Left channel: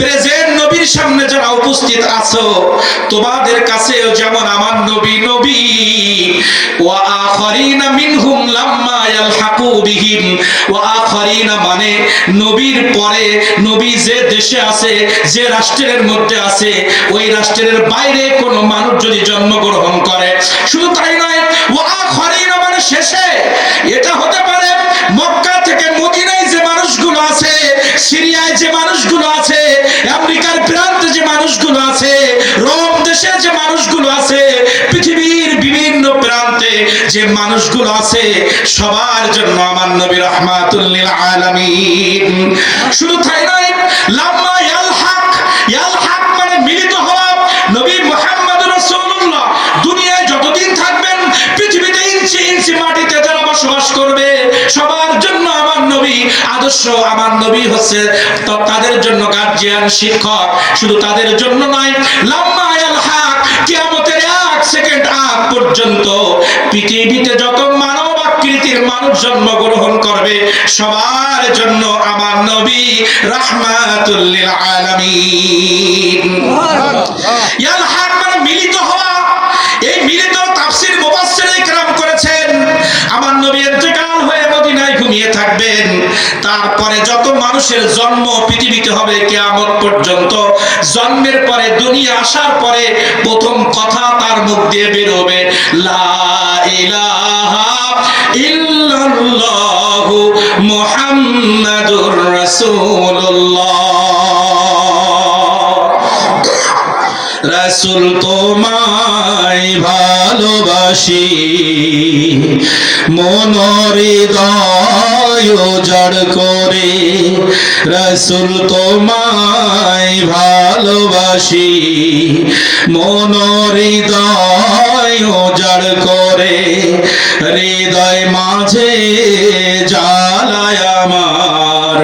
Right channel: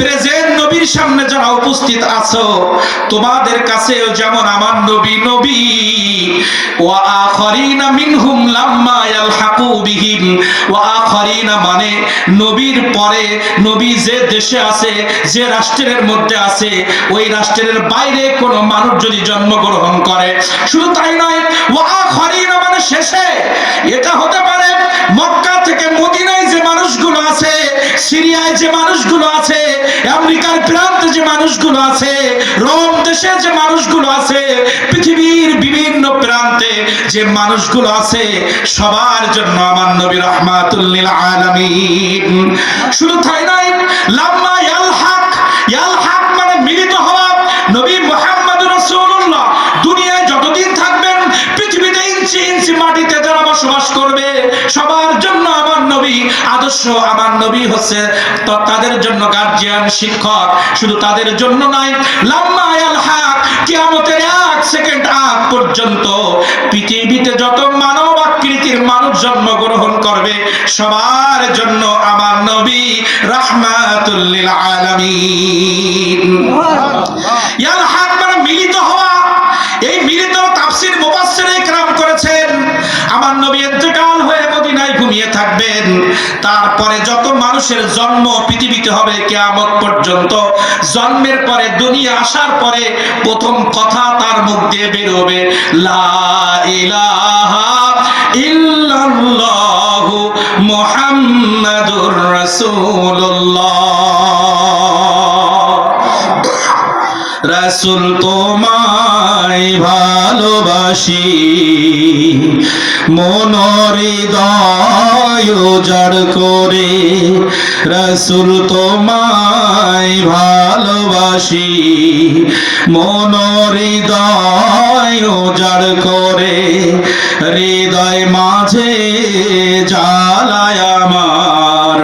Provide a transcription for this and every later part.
Present নবীর সামনে যারা উপস্থিত আছো, তোমাদের কাছেও যেমন আমার নবী নবী, ওয়া আখারিনা মিনহুম লাম্মা ইয়ালহাকু বিহিম, ওয়া আখারিনা মানে নবীর পরে নবী যে দেশে আছে, যে রাষ্ট্রের মধ্যে আছে, ওই রাষ্ট্রের বাইরে কোনো মানুষ যদি জন্মগ্রহণ করে, শুধু তাই নয়, ওয়া আখারিনা মানে শেষে, এটা হতে পারে মক্কা থেকে মদিনায় যে মানুষগুলো আছে, সিরিয়ায় যে মানুষগুলো আছে, আমেরিকার প্রান্তে যে মানুষগুলো আছে, রোম দেশে যে মানুষগুলো আছে, পৃথিবীর বিভিন্ন প্রান্তে যে মানুষগুলো আছে, সবার জন্য আমার নবী রাহমাতুল লিল আলামিন। শুধু তাই নয়, লাম্মা ইয়ালহাক, ইয়ালহাক মানে মিলিত হওয়া। নবী মুহাম্মদুর রাসূলুল্লাহ দুনিয়ায় যতদিন থাকবেন, পৃথিবীতে ইঞ্চি ইঞ্চি মাটিতে যারা বসবাস করবে, সবার জন্য আমার নবী আদর্শ, আমার নবী হচ্ছে তাদের জন্য গার্জিয়ান, শিক্ষক। শুধু তাদের জন্য নয়, লাম্মা ইয়ালহাক, কিয়ামতের 1 সেকেন্ড আগ পর্যন্ত পৃথিবীতে যত মানব আকৃতির মানুষ জন্মগ্রহণ করবে, সবার জন্য আমার নবী রাহমাতুল লিল আলামিন। ইয়ালহাক মানে মিলিত হওয়া। এই মিলিত তাফসীর মুফাসসিরিনে কেরাম করেছেন, আমার নবী ইন্তেকাল হয়ে মদিনায় ঘুমিয়ে থাকবেন, তারপরে যত মানুষের জন্ম পৃথিবীতে হবে কিয়ামত পর্যন্ত, জন্মের পরে দুনিয়া আসার পরে প্রথম কথা তার মুখ দিয়ে বের হবে, লা ইলাহা ইল্লাল্লাহু মুহাম্মাদুর রাসূলুল্লাহ। রাসূল তোমায় ভালোবাসি, মন হৃদয় উজাড় করে। রাসূল তোমায় ভালোবাসি, মন হৃদয় উজাড় করে। হৃদয় মাঝে জ্বালায় আমার,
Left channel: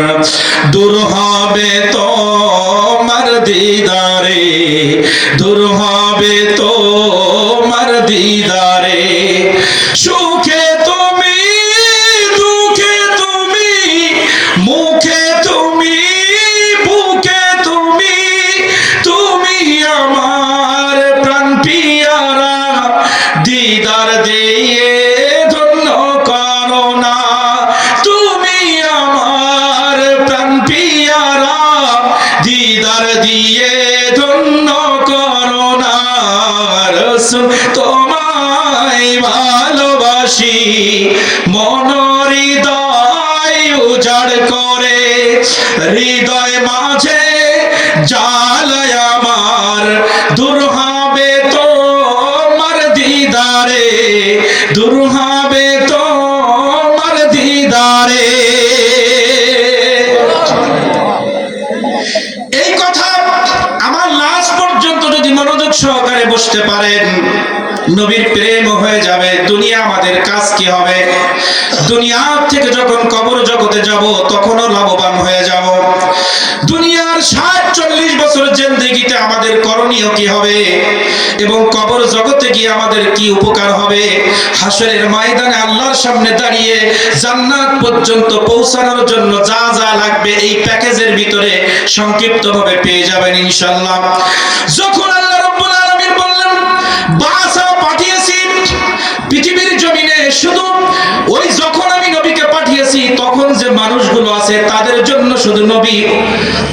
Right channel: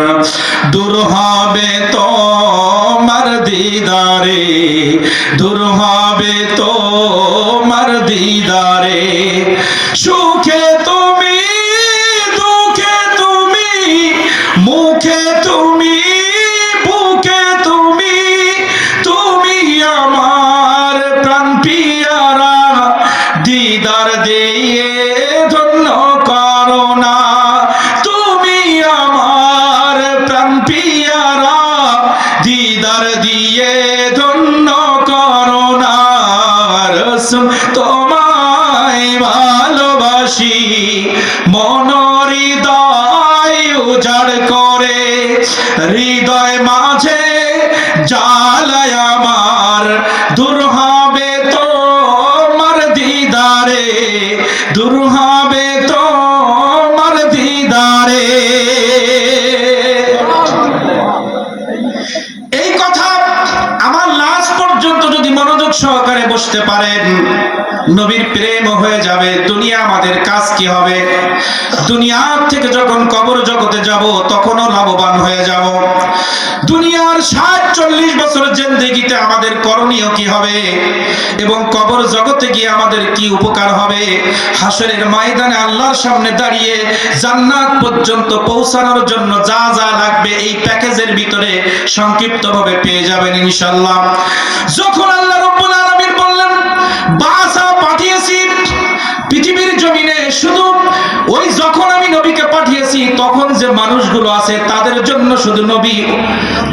দূর হবে তোমার দিদারে, দূর হবে তোমার দিদারে। সুখে তুমি, দুঃখে তুমি, মুখে তুমি, বুকে তুমি, তুমি আমার প্রাণ পিয়ারা। দিদার দিয়ে ধন্য করো না, তুমি আমার প্রাণ পিয়ারা। দিদার দিয়ে ধন্য করো না। রাসূল তোমায় ভালোবাসি, মন হৃদয় উজাড় করে। হৃদয় মাঝে জ্বালায় আমার, দূর হবে তোমার দিদারে, দূর হবে তোমার দিদারে। এই কথা আমার লাস্ট পর্যন্ত যদি মনোযোগ সহকারে বসতে পারেন, নবীর প্রেম হয়ে যাবে। দুনিয়া আমাদের কাজ কি হবে? দুনিয়া থেকে যখন কবর জগতে যাব, তখনও লাভবান হয়ে যাব। দুনিয়ার 60-40 বছর জিন্দেগিতে আমাদের করণীয় কি হবে, এবং কবর জগতে গিয়ে আমাদের কি উপকার হবে? হাসরের ময়দানে আল্লাহর সামনে দাঁড়িয়ে জান্নাত পর্যন্ত পৌঁছানোর জন্য যা যা লাগবে, এই প্যাকেজের ভিতরে সংক্ষিপ্তভাবে পেয়ে যাবেন ইনশাআল্লাহ। যখন আল্লাহ রাব্বুল আলামিন বললেন বাসা পাঠিয়েছি পৃথিবীর জমিনে, শুধু ওই যখন আমি নবীকে পাঠিয়েছি তখন যে মানুষগুলো আছে তাদের জন্য শুধু নবী,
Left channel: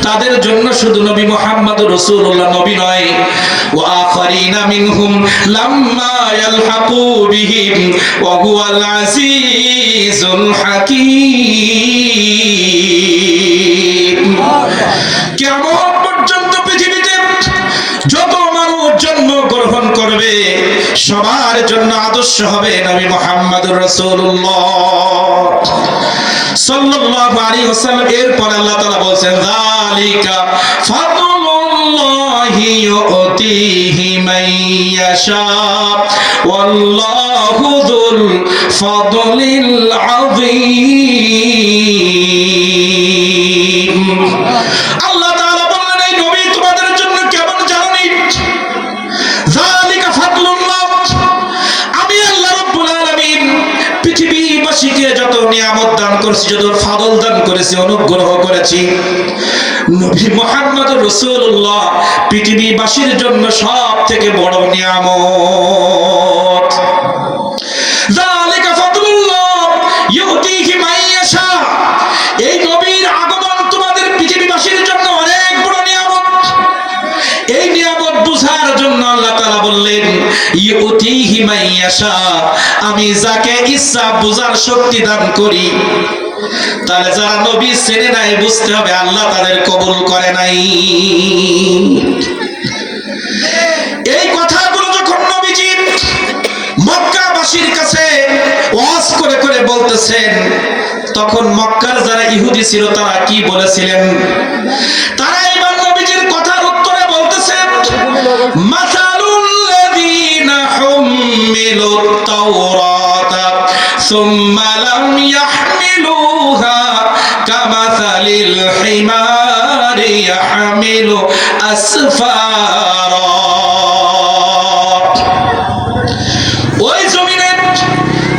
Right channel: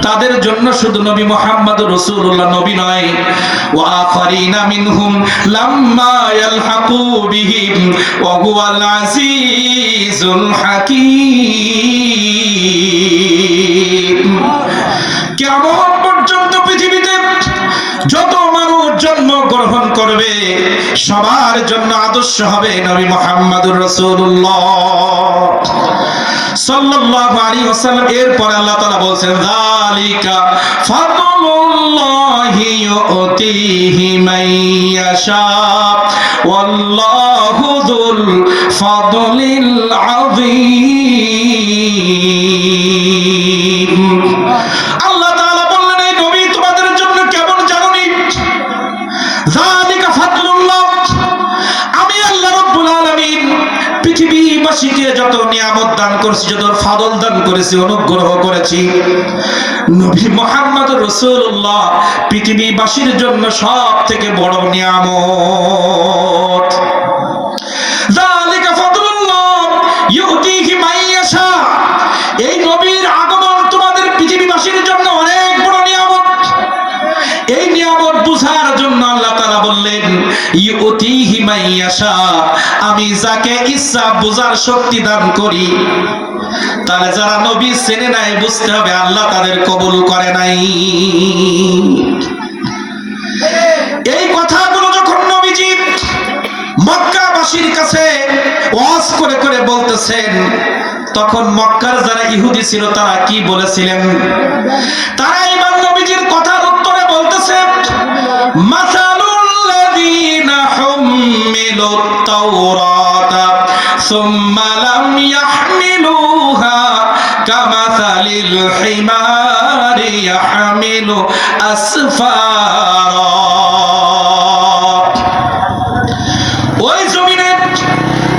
তাদের জন্য শুধু নবী মুহাম্মদুর রাসূলুল্লাহ নবী নয়, ওয়া আখারিনা মিনহুম লাম্মা ইয়ালহাকু বিহিম ওয়া হুয়াল আজিজুল হাকীম। কিয়ামত পর্যন্ত পৃথিবীতে যত মানুষ জন্মগ্রহণ করবে, সবার জন্য আদর্শ হবে নবী মুহাম্মদুর রাসূলুল্লাহ সাল্লাল্লাহু আলাইহি ওয়াসাল্লাম। এরপর আল্লাহ তাআলা বলেন, যালিকা ফাদলুল্লাহি ইউতিহি মান ইয়াশা ওয়াল্লাহু যুল ফাদলিল আযীম। আল্লাহ তাআলা বললেন, এই নবী তোমাদের জন্য কেমন জানেন? যালিকা ফাদলুল্লাহ, আমি আল্লাহ রাব্বুল আলামিন পৃথিবীবাসীকে যত নিয়ামত দান করেছি, যত ফাদল দান করেছি, অনুগ্রহ করেছি, নবী মুহাম্মদ রাসূলুল্লাহ পৃথিবীবাসীর জন্য সব থেকে বড় নিয়ামত। যালিকা ফাদলুল্লাহ ইউতিহি মান ইয়াশা। এই নবীর আগমন তোমাদের পৃথিবীবাসীর জন্য অনেক বড় নিয়ামত। এই নিয়ামত বুঝার জন্য আল্লাহ তাআলা বললেন ইউতিহি মান ইয়াশা, আমি যাকে ইচ্ছা বুঝার শক্তি দান করি। তাহলে যারা নবী চেনে নাই বুঝতে হবে আল্লাহ তাদের কবুল করে নাই। এই কথাগুলো যখন নবীজি মক্কাবাসীর কাছে ওয়াজ করে করে বলতেছেন, তখন মক্কার যারা ইহুদি ছিল তারা কি বলেছিলেন? তারা এবার নবীজির কথার উত্তরে বলতেছে মাসালুল্লাযীনা হুম্মিলুত তাওরাতা সুম্মা লাম ইয়াহমিলুহা কামাসালিল হিমারি ইয়াহমিলু আসফারা। ওই জমিনে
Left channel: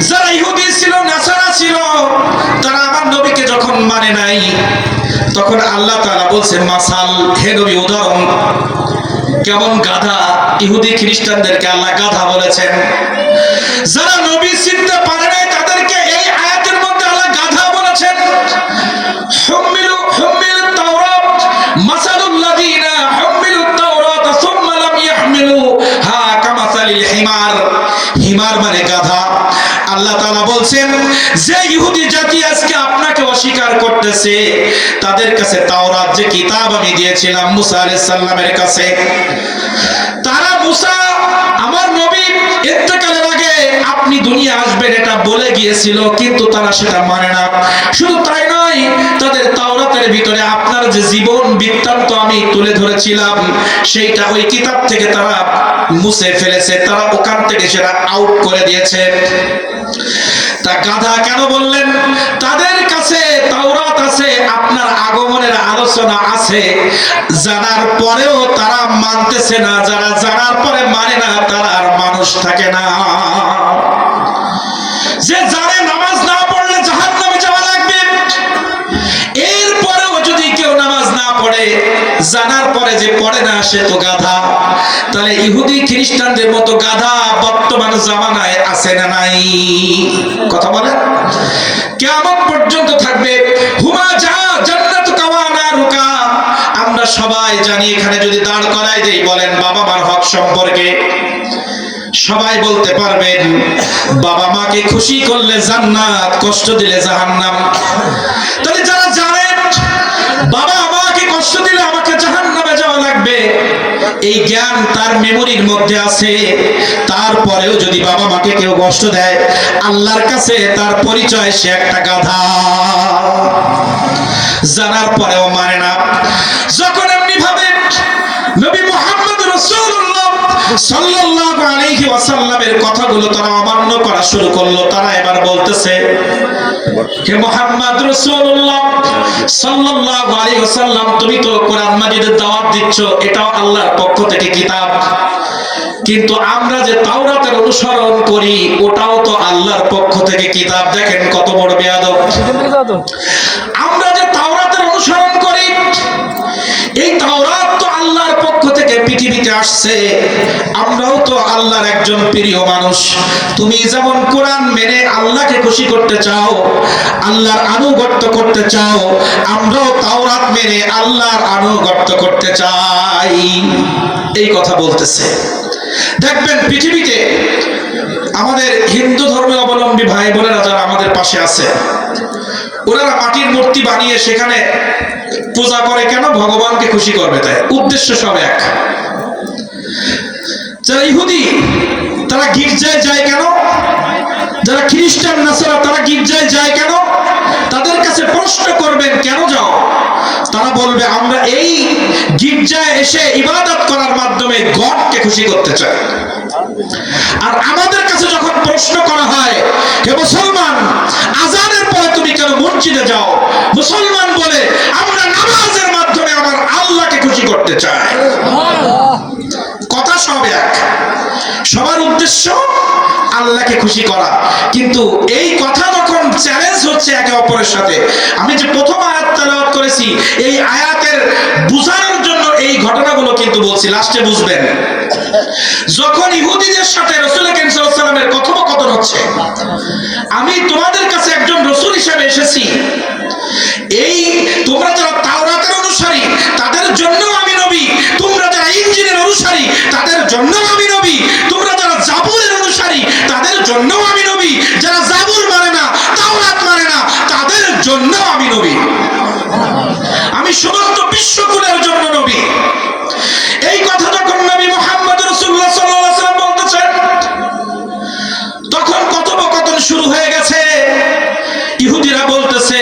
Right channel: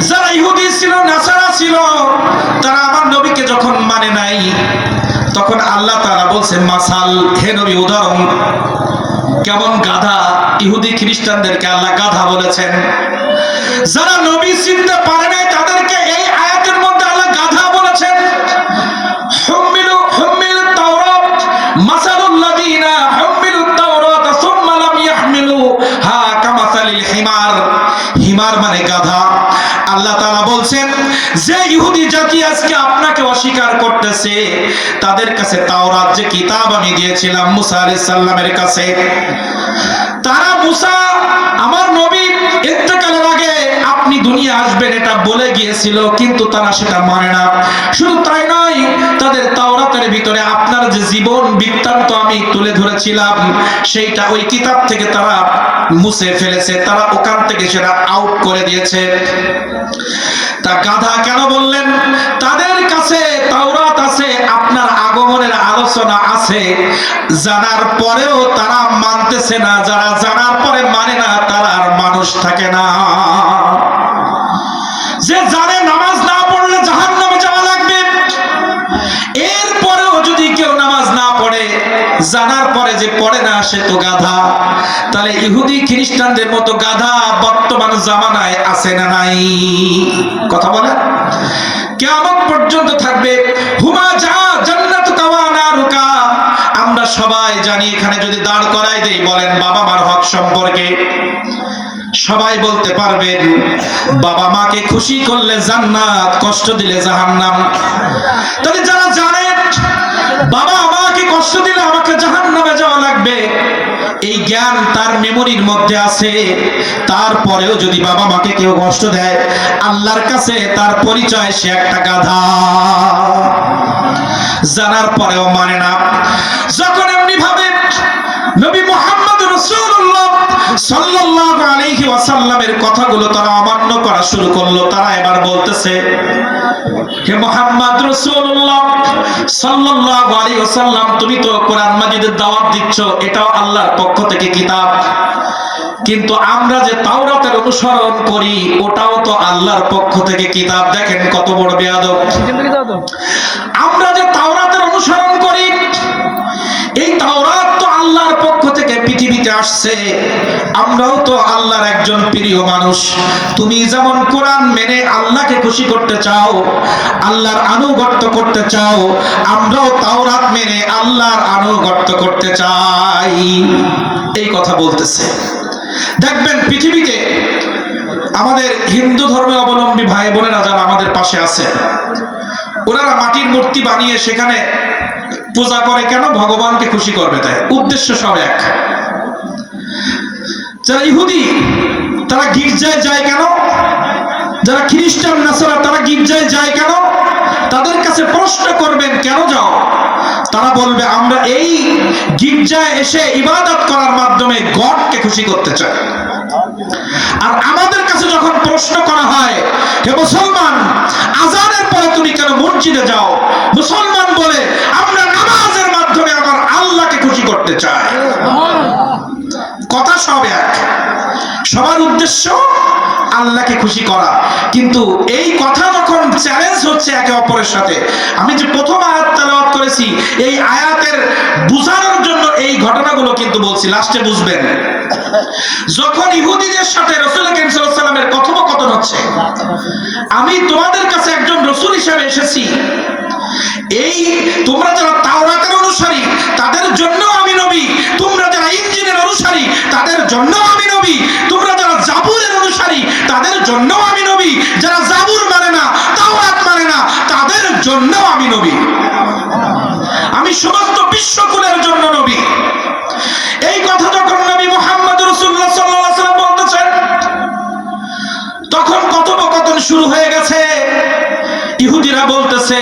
যারা ইহুদি ছিল, নাসারা ছিল, তারা আমার নবীকে যখন মানে নাই, তখন আল্লাহ তাআলা বলছেন মাসাল, হে নবী উদাহরণ কেমন গাধা। ইহুদি খ্রিস্টানদেরকে আল্লাহ গাধা বলেছেন। যারা নবী চিনতে পারে নাই তাদেরকে এই আয়াতের মধ্যে আল্লাহ গাধা বলেছেন। হুম্মিলুত তাওরাত মাসালুল্লাযীনা হুম্মিলুত তাওরাত সুম্মা লাম ইয়াহমিলুহা কামাসালিল হিমার। হিমার মানে গাধা। আল্লাহ তাআলা বলছেন যে ইহুদি জাতি আজকে আপনাকে অস্বীকার করতেছে, তাদের কাছে তাওরাত যে কিতাব আমি দিয়েছিলাম মুসা আলাইহিস সালামের কাছে, তারা মুসা আমার নবী ইন্তেকালের আগে আপনি দুনিয়া আসবেন এটা বলে গিয়েছিল, কিন্তু তারা সেটা মানে না। শুধু তাই নয়, তাদের তাওরাতের ভিতরে আপনার যে জীবন বৃত্তান্ত আমি তুলে ধরেছিলাম সেইটা ওই কিতাব থেকে তারা মুছে ফেলেছে, তারা ওখান থেকে সেটা আউট করে দিয়েছে। তা গাধা কেন বললেন? তাদের কাছে তাওরাত আছে, আপনার আগমনের আলোচনা আছে, জানার পরেও তারা মানতেছে না। যারা জানার পরে মানে না তারা আর মানুষ থাকে না। যে জানে নামাজ না পড়লে জাহান্নামে যাওয়া লাগবে, এরপরেও যদি কেউ নামাজ না পড়ে, জানার পরে যে পড়ে না সে তো গাধা। তাহলে ইহুদি খ্রিস্টানদের মতো গাধা বর্তমান জামানায় আছে না নাই? কথা বলে কিয়ামত পর্যন্ত থাকবে। হুমা যা জান্নাতুকা ওয়া নারুকা। আমরা সবাই জানি এখানে যদি দাঁড় করাই দেই, বলেন বাবা মার হক সম্পর্কে সবাই বলতে পারবেন বাবা মাকে খুশি করলে জান্নাত, কষ্ট দিলে জাহান্নাম। তাহলে যারা জানেন বাবা মাকে কষ্ট দিলে আমাকে জাহান্নামে যাওয়া লাগবে, এই জ্ঞান তার মেমোরির মধ্যে আছে, তারপরেও যদি বাবা মাকে কেউ কষ্ট দেয়, আল্লাহর কাছে তার পরিচয় সে একটা গাধা। জানার পরেও মানে না। যখন এমনি ভাবে নবী মুহাম্মদ রাসূলুল্লাহ সাল্লাল্লাহু আলাইহি ওয়াসাল্লামের কথাগুলো তারা অমান্য করা শুরু করলো, তারা এবার বলতেছে হে মুহাম্মদ রাসূলুল্লাহ সাল্লাল্লাহু আলাইহি ওয়াসাল্লাম, তুমি তো কোরআন মাজিদের দাওয়াত দিচ্ছ, এটাও আল্লাহর পক্ষ থেকে কিতাব, কিন্তু আমরা যে তাওরাতের অনুসরণ করি ওটাও তো আল্লাহর পক্ষ থেকে কিতাব। দেখেন কত বড় বেয়াদব। আমরা যে তাওরাতের অনুসরণ করি, এই তাওরাত তো আল্লাহর পক্ষ থেকে পৃথিবীতে আসছে, আমরাও তো আল্লাহর একজন প্রিয় মানুষ। তুমি যেমন কোরআন মেনে আল্লাহকে খুশি করতে চাও, আল্লাহর আনুগত্য করতে চাও, আমরাও তাওরাত মেনে আল্লাহর আনুগত্য করতে চাই। এই কথা বলতেছে। দেখবেন পৃথিবীতে আমাদের হিন্দু ধর্মের অবলম্বী ভাই বোনেরা যারা আমাদের পাশে আছে, ওনারা মাটির মূর্তি বানিয়ে সেখানে পূজা করে কেন? ভগবানকে খুশি করবে, তাই উদ্দেশ্য সব এক। যারা ইহুদি তারা গির্জায় যায় কেন? যারা খ্রিস্টান নাসারা তারা গির্জায় যায় কেন? তাদের কাছে প্রশ্ন করবেন কেন যাও? তারা বলবে আমরা এই গির্জায় এসে ইবাদত করার মাধ্যমে গডকে খুশি করতে চাই। আর আমাদের কাছে যখন প্রশ্ন করা হয় হে মুসলমান, আজানের পরে তুমি কেন মসজিদে যাও? মুসলমান বলে আমরা নামাজের মাধ্যমে আমার আল্লাহকে খুশি করতে চাই। কথা সব এক, সবার উদ্দেশ্য আল্লাহকে খুশি করা। কিন্তু এই কথা যখন চ্যালেঞ্জ হচ্ছে একে অপরের সাথে, আমি যে প্রথম আয়াত তেলাওয়াত করেছি এই আয়াতের বুঝানোর জন্য এই ঘটনাগুলো কিন্তু বলছি, লাস্টে বুঝবেন। যখন ইহুদিদের সাথে রাসূল করিম সাল্লাল্লাহু আলাইহি ওয়াসাল্লামের কথোপকথন হচ্ছে, আমি তোমাদের কাছে একজন রাসূল হিসেবে এসেছি, এই তোমরা যারা তাওরাতের অনুসারী তাদের জন্য আমি নবী, তোমরা যারা ইনজিলের অনুসারী তাদের জন্য আমি নবী, তোমরা যারা জাবুরের অনুসারী তাদের জন্য আমি নবী, যারা জাবুর মানে না তাওরাত মানে না তাদের জন্য আমি নবী, আমি সমস্ত বিশ্বকুলের জন্য নবী। এই কথা যখন নবী মুহাম্মদ রাসূলুল্লাহ সাল্লাল্লাহু আলাইহি ওয়াসাল্লাম বলতেছেন, তখন কথোপকথন শুরু হয়ে গেছে। ইহুদিরা বলতেছে,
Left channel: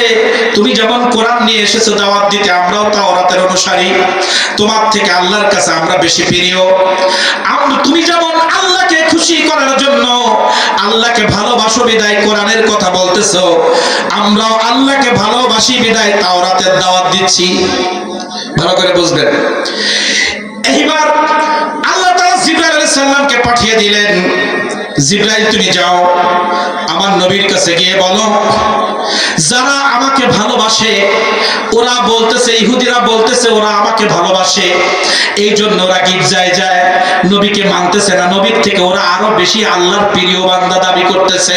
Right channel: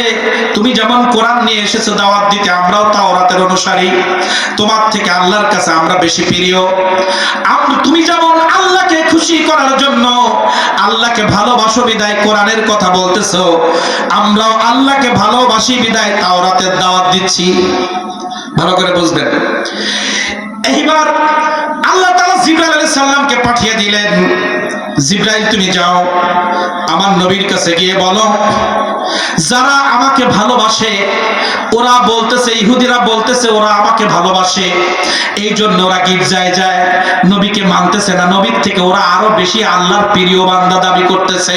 তুমি যেমন কোরআন নিয়ে এসেছো দাওয়াত দিতে, আমরাও তাওরাতের অনুসারী, তোমার থেকে আল্লাহর কাছে আমরা বেশি প্রিয়। তুমি যেমন আল্লাহকে খুশি করার জন্য আল্লাহকে ভালোবাসো বিদায় কোরআনের কথা বলতেছো, আমরাও আল্লাহকে ভালোবাসি বিদায় তাওরাতের দাওয়াত দিচ্ছি। ভালো করে বুঝবেন। এইবার আল্লাহ তাআলা জিবরাইল আলাইহিস সালামকে পাঠিয়ে দিলেন, জিবরাইল তুমি যাও আমার নবীর কাছে গিয়ে বলো, যারা আমাকে ভালোবাসে ওরা বলতেছে, ইহুদিরা বলতেছে ওরা আমাকে ভালোবাসে, এই জন্য ওরা গির্জায় যায়, নবীকে মানতেছে না, নবীর থেকে ওরা আরো বেশি আল্লাহর প্রিয় বান্দা দাবি করতেছে।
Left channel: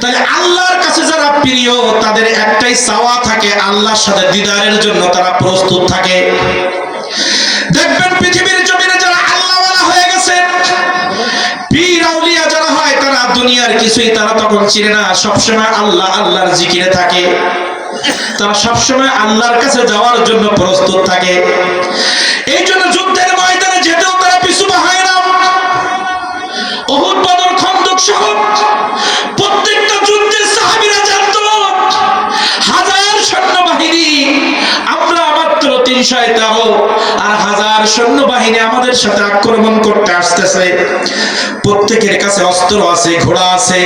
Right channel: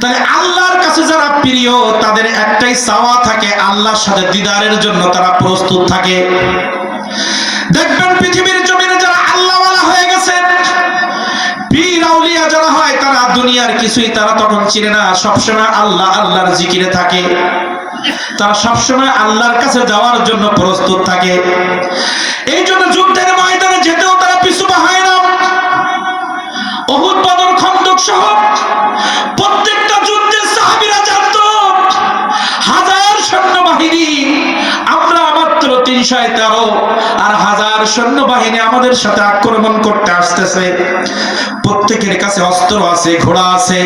তাহলে আল্লাহর কাছে যারা প্রিয় তাদের একটাই চাওয়া থাকে, আল্লাহর সাথে দিদারের জন্য তারা প্রস্তুত থাকে। দেখবেন পৃথিবীর জমিনে যারা আল্লাহওয়ালা হয়ে গেছে, পীর আউলিয়া যারা হয়, তারা দুনিয়ার কিছুই তারা তখন চিনে না, সবসময় আল্লাহ আল্লাহর জিকিরে থাকে, তারা সবসময় আল্লাহর কাছে যাওয়ার জন্য প্রস্তুত থাকে। এই জন্য যুদ্ধের ময়দানে যেতেও তারা পিছু হয় না। উহুদ, বদর, খন্দক সহ প্রত্যেকটা যুদ্ধে সাহাবীরা জানতো হাজার সৈন্যবাহিনী, আমরা মাত্র 313, আর হাজার সৈন্যবাহিনী আমাদের সাথে আক্রমণ করতে আসতেছে। প্রত্যেকের কাছে অস্ত্র আছে, ঘোড়া আছে,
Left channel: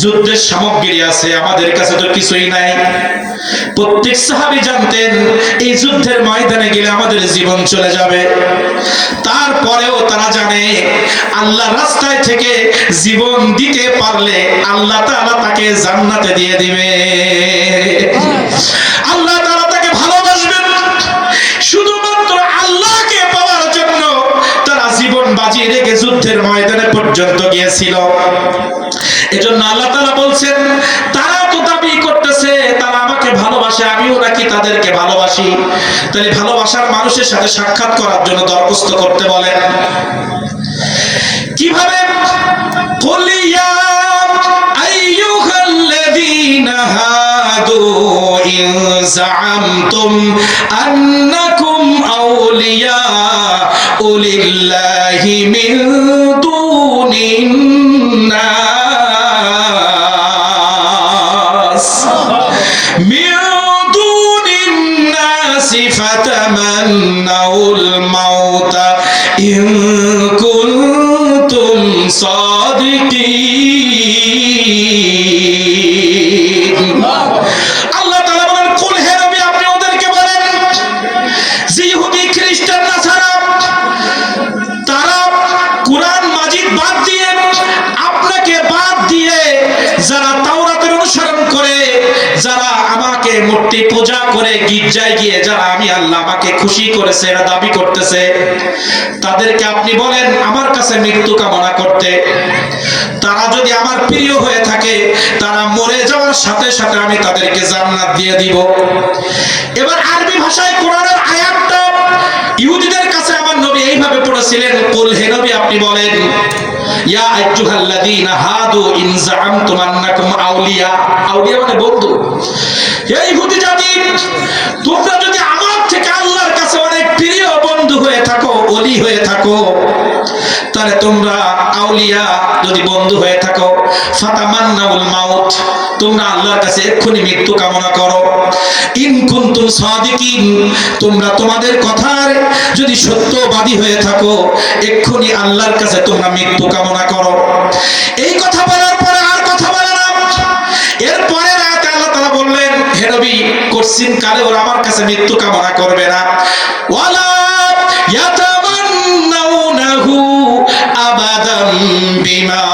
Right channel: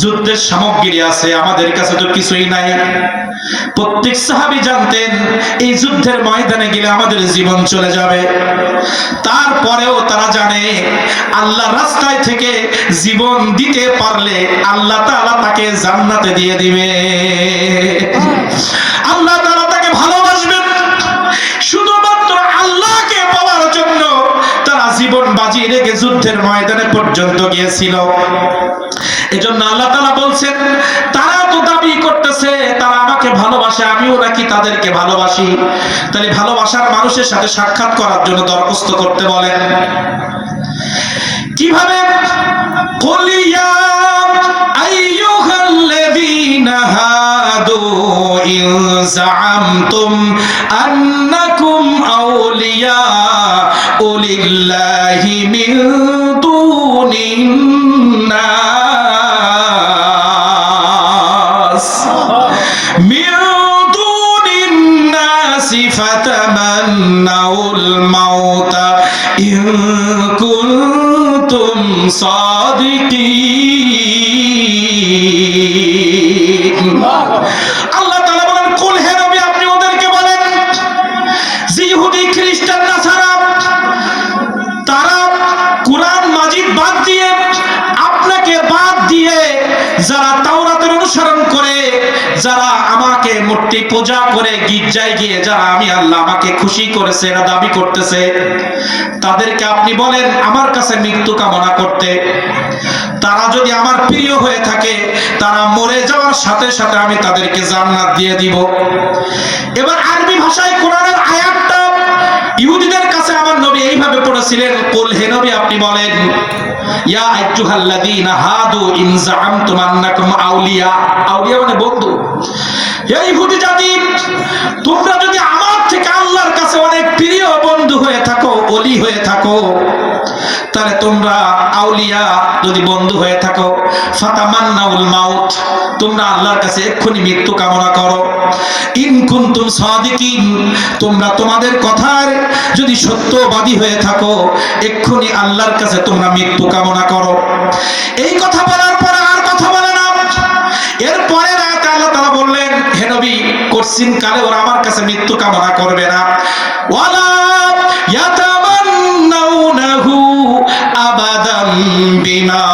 যুদ্ধের সামগ্রী আছে, আমাদের কাছে তো কিছুই নাই। প্রত্যেক সাহাবী জানতেন এই যুদ্ধের ময়দানে গেলে আমাদের জীবন চলে যাবে। তারপরেও তারা জানে আল্লাহ রাস্তায় থেকে জীবন দিতে পারলে আল্লাহ তাআলা তাকে জান্নাতে দিয়ে দিবে, আল্লাহ তাআলা তাকে ভালোবাসবেন। শুধুমাত্র আল্লাহকে পাওয়ার জন্য তারা জীবন বাজি রেখে যুদ্ধের ময়দানে পর্যন্ত গিয়েছিল। এজন্য আল্লাহ তাআলা বলছেন, তারা তো দাবি করতেছে তারা আমাকে ভালোবাসে, আমিও নাকি তাদেরকে ভালোবাসি। তাহলে ভালোবাসার মানুষের সাথে সাক্ষাৎ করার জন্য দরখাস্ত করতে বলেন। কিভাবে? কুল ইয়া আইয়ুহাল্লাযীনা হাদু ইন যাআমতুম আন্নাকুম আউলিয়াউ লিল্লাহি মিন দুনিন নাস ফাতামান্নাউল মাউতা ইন কুনতুম সাদিকিন। আল্লাহ তাআলা বলেন, কুল হে নবী আপনি ওদেরকে বলেন যে ইহুদি, খ্রিস্টান, নাসারা তারা কুরআন মাজিদ বাদ দিয়ে, আপনাকে বাদ দিয়ে, যারা তাওরাতের অনুসরণ করে, যারা আমাকে মূর্তি পূজা করে গির্জায় গিয়ে যারা আমি আল্লাহ আমাকে খুশি করেছে এরা দাবি করতেছে, তাদেরকে আপনি বলেন আমার কাছে মৃত্যু কামনা করতে। তারা যদি আমার প্রিয় হয়ে থাকে, তারা মরে যাওয়ার সাথে সাথে আমি তাদেরকে জান্নাত দিয়ে দিব। এবার আরবি ভাষায় কোরআনের আয়াতটা ইহুদিদের কাছে আমার নবী এইভাবে পড়েছিলেন, কুল হে নবী আপনি বলেন, ইয়া আইয়ুহাল্লাযীনা হাদু ইন যাআমতুম আন্নাকুম আউলিয়া, আউলিয়া মানে বন্ধু। এই ইহুদি জাতি, তোমরা যদি আমার থেকে আল্লাহর কাছে অনেক প্রিয় বন্ধু হয়ে থাকো, ওলি হয়ে থাকো, তাহলে তোমরা আউলিয়া যদি বন্ধু হয়ে থাকো, ফাতামান্নাউল মাউত, তোমরা আল্লাহর কাছে এক্ষুনি মৃত্যু কামনা করো। ইন কুনতুম সাদিকিন, তোমরা তোমাদের কথার যদি সত্যবাদী হয়ে থাকো, এক্ষুনি আল্লাহর কাছে তোমরা মৃত্যু কামনা করো। এই কথা বলার পরে আর কথা বলে না। এরপরে আয়াতে আল্লাহ তাআলা বললেন, হে নবী কোশ্চিন কালে ওরা আমার কাছে মৃত্যু কামনা করবে না। ওয়ালা ইয়াতামান্নাউনাহু আবাদাম বিমা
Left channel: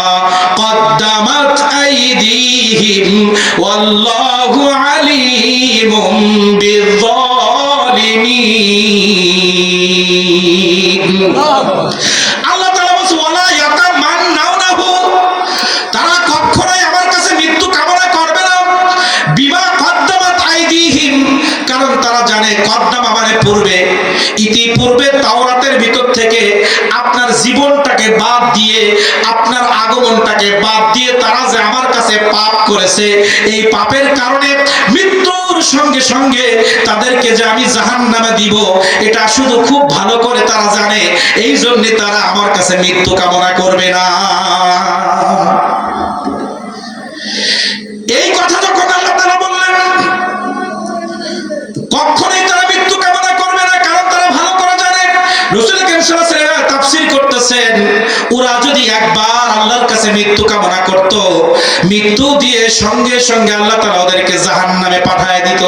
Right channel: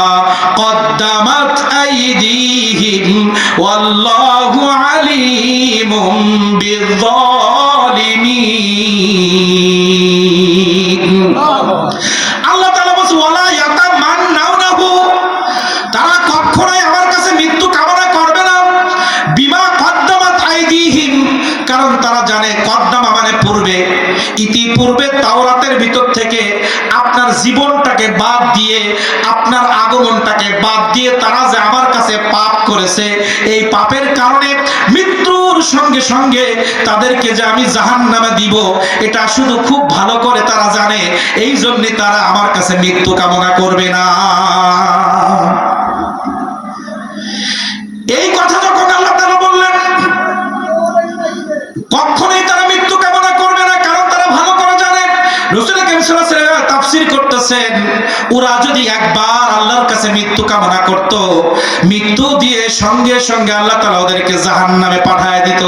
কদ্দামাত আইদিহিম ওয়াল্লাহু আলিমুম বিয-যালিমিন। আল্লাহ তাআলা বলেন ওয়ালা ইয়াতামান্নাউনাহু, তারা কখনোই আমার কাছে মৃত্যু কামনা করবে না। বিমা কদ্দামাত আইদিহিম, কারণ তারা জানে কদ্দামা মানে পূর্বে, ইতিপূর্বে তাওরাতের ভিতর থেকে আপনার জীবনটাকে বাদ দিয়ে, আপনার আগমনটাকে বাদ দিয়ে তারা যে আমার কাছে পাপ করেছে, এই পাপের কারণে মৃত্যুর সঙ্গে সঙ্গে তাদেরকে যে আমি জাহান্নামে দিব, এটা শুধু খুব ভালো করে তারা জানে। এই জন্য তারা আমার কাছে মৃত্যু কামনা করবে না। এই কথা যখন আল্লাহ তাআলা বললেন, কখনোই তারা মৃত্যু কামনা করবে না, কারণ তারা ভালো করে জানে। রাসূল করিম সাল্লাল্লাহু আলাইহি ওয়াসাল্লাম তাফসীর করতেছেন, ওরা যদি একবার আল্লাহর কাছে মৃত্যু কামনা করত, মৃত্যু দিয়ে সঙ্গে সঙ্গে আল্লাহ তাআলা ওদেরকে জাহান্নামে পাঠিয়ে দিত।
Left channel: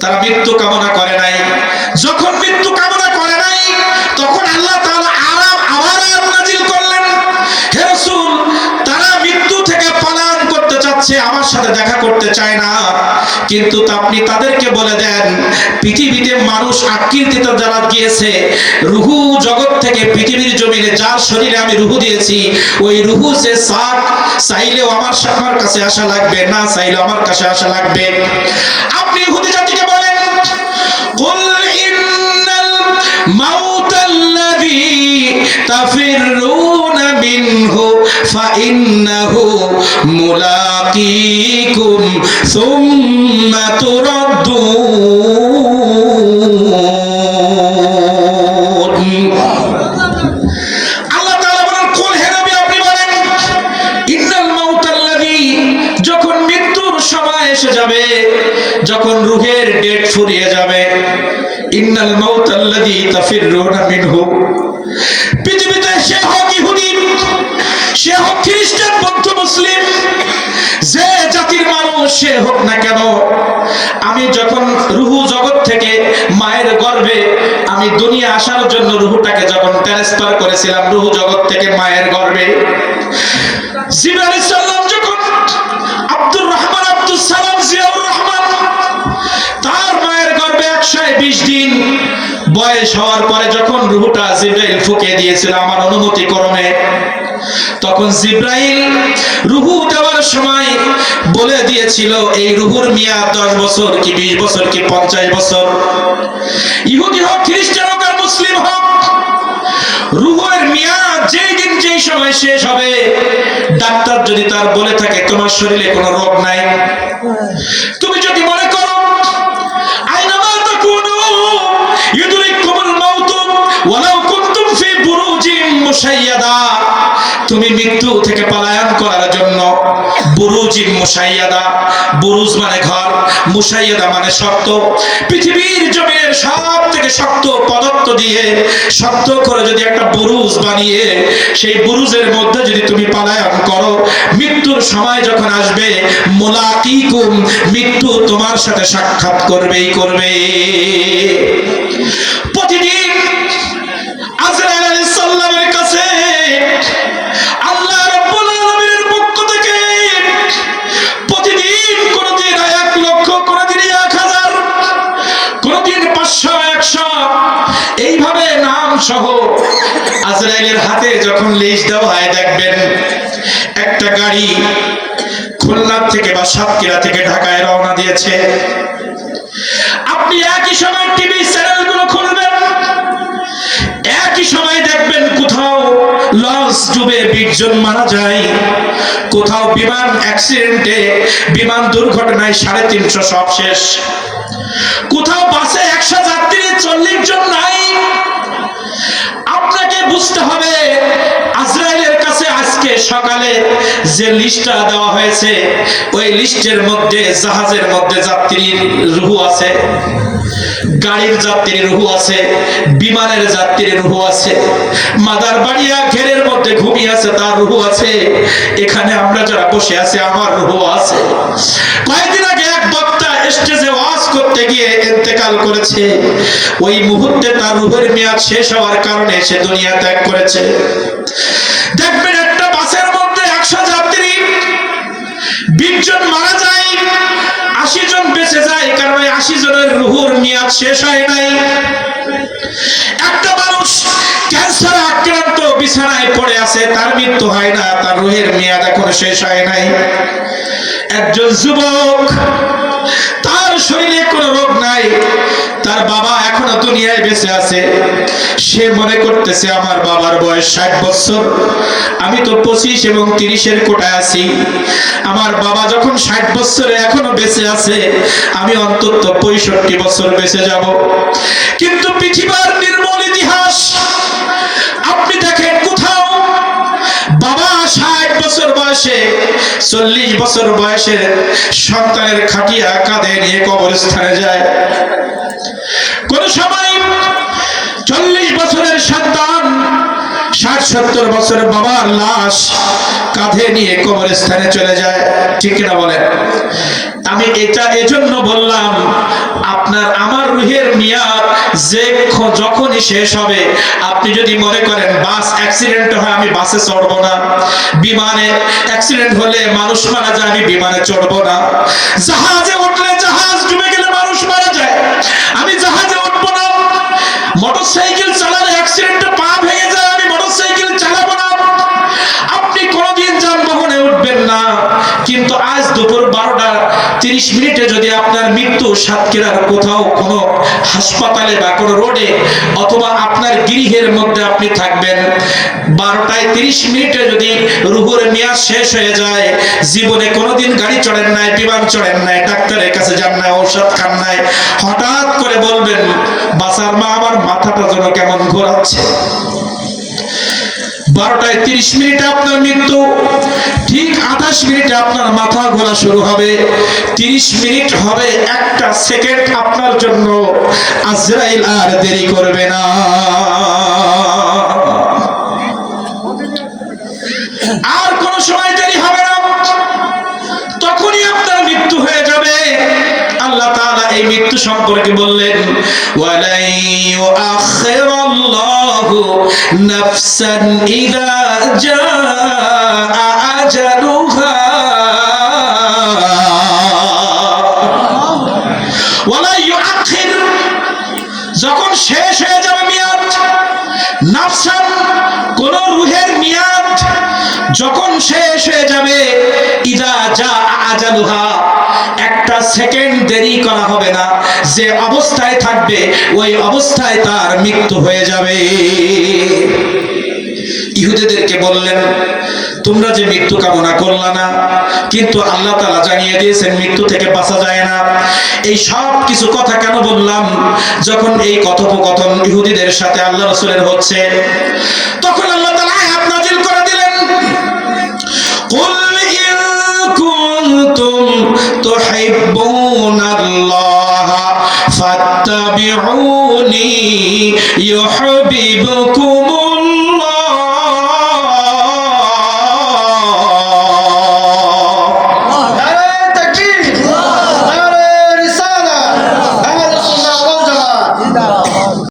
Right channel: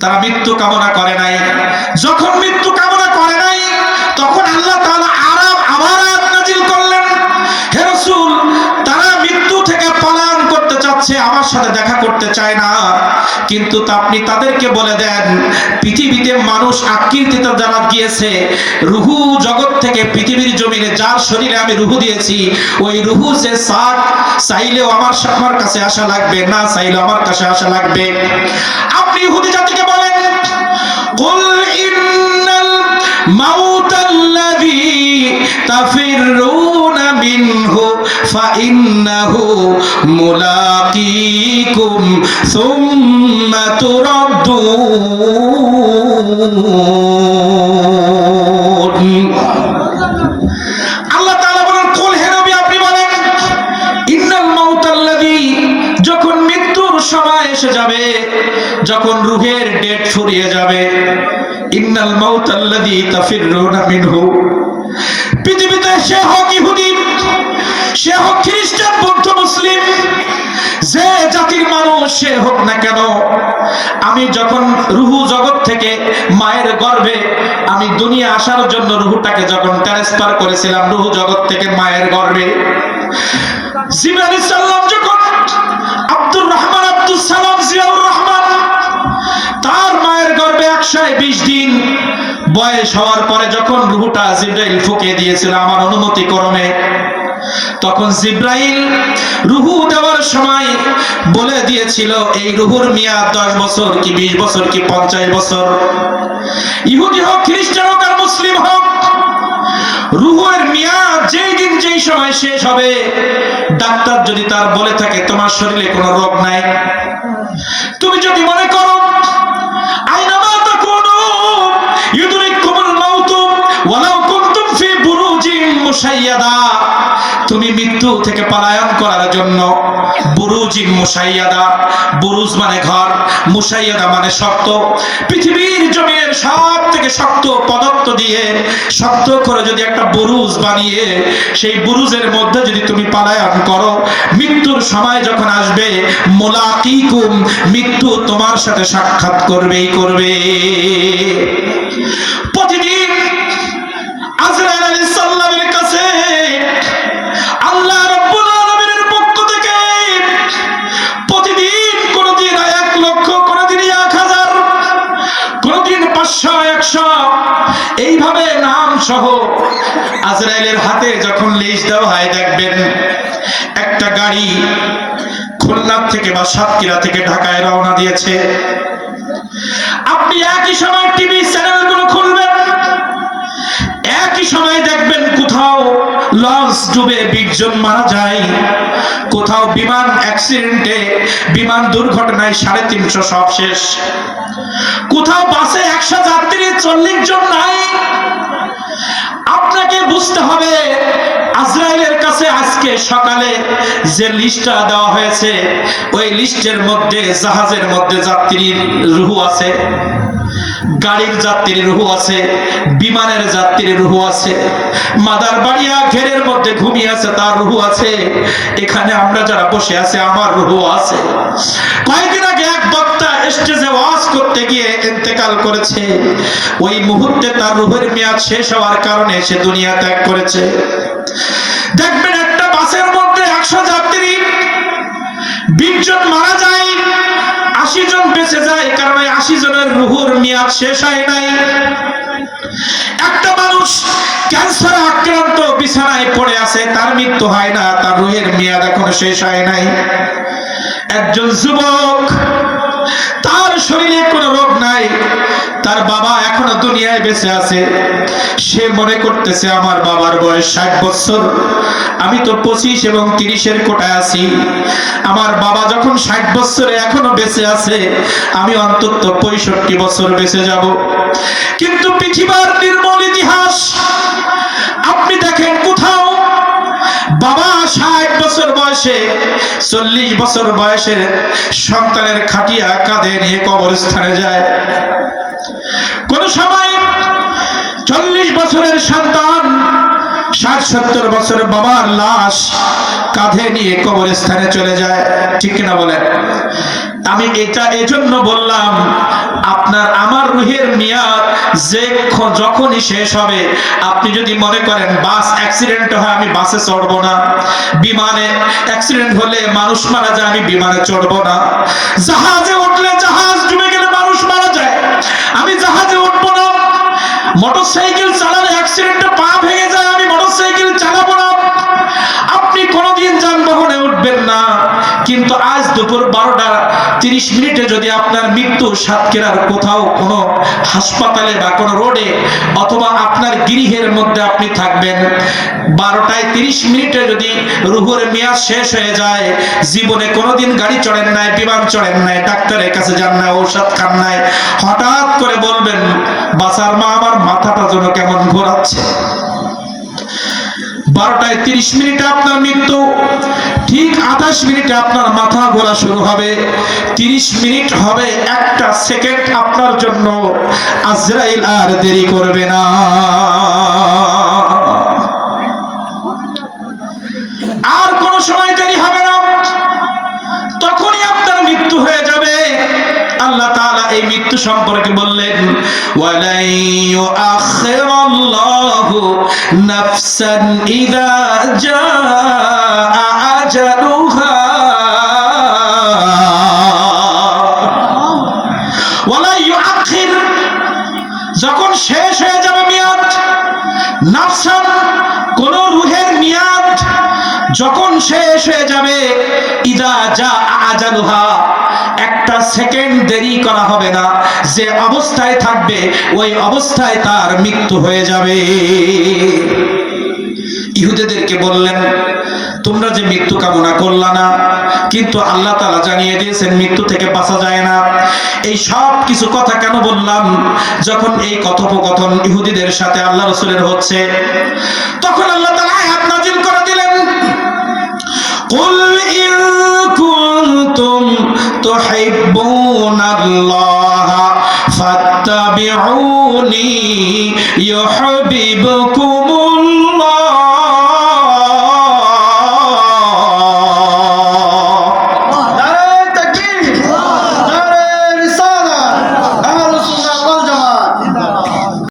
তারা মৃত্যু কামনা করে নাই। যখন মৃত্যু কামনা করে নাই, তখন আল্লাহ তাআলা আবার আয়াত নাযিল করলেন, হে রাসূল, তারা মৃত্যু থেকে পলায়ন করতে চাচ্ছে, আমার সাথে দেখা করতে চায় না, কিন্তু আপনি তাদেরকে বলে দেন, পৃথিবীতে মানুষ আকৃতিতে যারা গিয়েছে, রুহু জগৎ থেকে পৃথিবীর জমিনে যার শরীরে আমি রুহু দিয়েছি, ওই রুহু সে চাইলেও আমার কাছে আসা লাগবে, না চাইলেও আমার কাছে আসা লাগবে। আপনি ইহুদি জাতিকে বলেন, কুল ইন্নাল মাউতাল্লাযী তাফিরুনা মিনহু ফাইন্নাহু মুলাকীকুম সুম্মা তুরাদ্দুন। আল্লাহ তাআলা বলেন, কুল হে নবী আপনি বলেন, ইন্নাল মাউতাল্লাযী, যখন মৃত্যুর সময় এসে যাবে, যখন রূহের ডেট ফুরিয়ে যাবে, ইন্নাল মাউতাল্লাযী তাফিরুনা মিনহু, পৃথিবীতে সে হোক ইহুদি, সে হোক খ্রিস্টান, বৌদ্ধ, মুসলিম, যে জাতির মানুষ সে হোক না কেন, আমি যখন রুহু জগৎ থেকে মায়ের গর্ভে আমি দুনিয়া আসার জন্য রুহুটাকে যখন ট্রান্সফার করেছিলাম, রুহু জগৎ থেকে মায়ের গর্ভে, জিবরাইল আলাইহিস সালাম যখন আব্দুর রহমান, আব্দুস সালাম, জিয়াউর রহমান, তার মায়ের গর্ভে 120 দিন বয়স হওয়ার পরে যখন রুহুটা জিবরাইল ফুঁকে দিয়েছিল আমার অনুমতি ক্রমে, তখন জিবরাইল রুহু দেওয়ার সময় বলে দিয়েছিল এই রুহুর মেয়াদ 10 বছর কি 20 বছর কি 50 বছর। ইহুদি হোক, খ্রিস্টান হোক আর মুসলিম হোক, রুহের মেয়াদ যেই দিন যেই সময় শেষ হবে, ডাক্তার যদি তার বলে থাকে তোমার শরীরে কোনো রোগ নাই, তুমি যদি মনে করো আইনামা তাকুনু ইউদরিকুমুল মাউতু ওয়ালাউ কুনতুম ফি বুরুজিন মুশাইয়াদা, তুমি মৃত্যু থেকে পলায়ন করার জন্য বুরুজিন মুশাইয়াদা, বুরুজ মানে ঘর, মুশাইয়াদা মানে শক্ত, পৃথিবীর জমিনের সব থেকে শক্ত পদার্থ দিয়ে শক্ত করে যদি একটা বুরুজ বানিয়ে সেই বুরুজের মধ্যে যদি তুমি পলায়ন করো, মৃত্যুর সময় যখন আসবে, মুলাকীকুম, মৃত্যু তোমার সাথে সাক্ষাৎ করবেই করবে। প্রতিদিন আজরাইল আলাইহিস সালামের কাছে আল্লাহ রাব্বুল আলামিনের পক্ষ থেকে প্রতিদিন কোনদিন 1 লক্ষ, কোনদিন 1000, কোনদিন 500, 100, এইভাবে নাম সহ আজরাইলের হাতে যখন লিস্ট দেওয়া হয়, দেখবেন একটা গাড়ি খুলনা থেকে বা সাতক্ষীরা থেকে ঢাকায় রওনা দিয়েছে। আপনি একই সময় টিভি চ্যানেলগুলো খুলবেন, একই সময় দেখবেন কোথাও লঞ্চ ডুবে 20 জন মারা যায়, কোথাও বিমান অ্যাক্সিডেন্টে, বিমান দুর্ঘটনায় 350 সব শেষ, কোথাও বাসে 100 যাত্রী 40 জন নাই। আপনাকে বুঝতে হবে আজরাইলের কাছে আজকে সকালে যে লিস্টটা দেওয়া হয়েছে, ওই লিস্টের মধ্যে জাহাজের মধ্যে যাত্রীর রুহু আছে, গাড়ির যাত্রীর রুহু আছে, বিমানের যাত্রীর রুহু আছে, মাদার বাড়িয়া ঘেরের মধ্যে ঘুমিয়ে আছে তার রুহু আছে, এখানে আমরা যারা বসে আছি আমার রুহু আছে। কয়েকদিন আগে এক বক্তা স্টেজে ওয়াজ করতে গিয়ে ইন্তেকাল করেছে, ওই মুহূর্তে তার রূহের মেয়াদ শেষ হওয়ার কারণে সে দুনিয়া ত্যাগ করেছে। দেখবেন একটা বাসের মধ্যে 100 যাত্রী, 20 জন মারা যায়, 80 জন বেঁচে যায়, কারণ 80 জনের রূহের মেয়াদ শেষ হয় নাই। একটা মানুষ ক্যান্সারে আক্রান্ত বিছানায় পড়ে আছে, তার মৃত্যু হয় না, তার রূহের মেয়াদ এখনো শেষ হয় নাই। একজন যুবক, তার শরীরে কোনো রোগ নাই, তার বাবা এখনো দুনিয়ায় বেঁচে আছে, সে মনে করতেছে আমার বাবার বয়স 60 বছর, আমি তো 25 এবং 30-এর কোটায় আছি, আমার বাবা যখন 60 বছরে এখনো বেঁচে আছে, আমি অন্তত 65 বছর বেঁচে যাব। কিন্তু পৃথিবীর নির্মল ইতিহাস আপনি দেখেন, কোথাও বাবা 60 বছর বয়সে 40 বছর বয়সে সন্তানের খাটিয়া কাঁধে নিয়ে কবরস্থানে যায়। কোন সময় 40 বছরের সন্তান 60-70 বছরের বাবার লাশ কাঁধে নিয়ে কবরস্থানে চলে যায়, ঠিক কিনা বলেন? আমি এটা এজন্য বললাম, আপনার আমার রূহের মেয়াদ যে যখনই শেষ হবে, আপনি যদি মনে করেন বাস অ্যাক্সিডেন্ট হয় আমি বাসে চড়বো না, বিমানে অ্যাক্সিডেন্ট হলে মানুষ মারা যায় আমি বিমানে চড়বো না, জাহাজে উঠলে জাহাজ ডুবে গেলে মানুষ মারা যায় আমি জাহাজে উঠবো না, মোটরসাইকেল চালালে অ্যাক্সিডেন্টে পা ভেঙে যায় আমি মোটরসাইকেল চালাবো না, আপনি কোনোদিন যানবাহনে উঠবেন না। কিন্তু আজ দুপুর 12:30 যদি আপনার মৃত্যু সাতক্ষীরার কোথাও কোনো হাসপাতালে বা কোনো রোডে অথবা আপনার গৃহের মধ্যে আপনি থাকবেন, 12:30 যদি রূহের মেয়াদ শেষ হয়ে যায়, জীবনে কোনোদিন গাড়ি চড়েন নাই, বিমান চড়েন নাই, ডাক্তারের কাছে যান নাই, ঔষধ খান নাই, হঠাৎ করে বলবেন বাসার মা আমার মাথাটা যেন কেমন ঘোরাচ্ছে। 12:30 আপনার মৃত্যু, ঠিক 28 মিনিটে আপনার মাথা ঘোরা শুরু হবে, 30 মিনিট হবে, 1 সেকেন্ড আপনার জন্য আজরাইল আর দেরি করবে না। আর কোন সময় দেরি হবে না, তখনই আপনার মৃত্যু হয়ে যাবে। আল্লাহ তাআলা এই মৃত্যু সম্পর্কে বললেন, ওয়ালাই ইউআখিরুল্লাহু নাফসান ইযা জাআ আজালুহা, ওয়ালাই ইউআখির, যখন শেষ হয়ে যাবে মেয়াদ, নাফসান কোন রূহের মেয়াদ যখন শেষ হয়ে যাবে, ইযা জাআ আজালুহা, 1 সেকেন্ড দেরি করা হবে না, যে অবস্থায় থাকবে ওই অবস্থায় তার মৃত্যু হয়ে যাবে। ইহুদিদেরকে বললেন, তোমরা যে মৃত্যু কামনা করলা না, কিন্তু আল্লাহ তাআলা জানিয়ে দিয়েছেন মৃত্যু থেকে বাঁচা যায় না। এই সব কিছু কথা কেন বললাম? যখন এই কথোপকথন ইহুদিদের সাথে আল্লাহ রাসূলের হচ্ছে, তখন আল্লাহ তাআলা আয়াত নাযিল করে দিলেন, কুল ইন কুনতুম তুহিব্বুনাল্লাহা ফাত্তাবিউনি ইউহিব্বুকুমুল্লাহ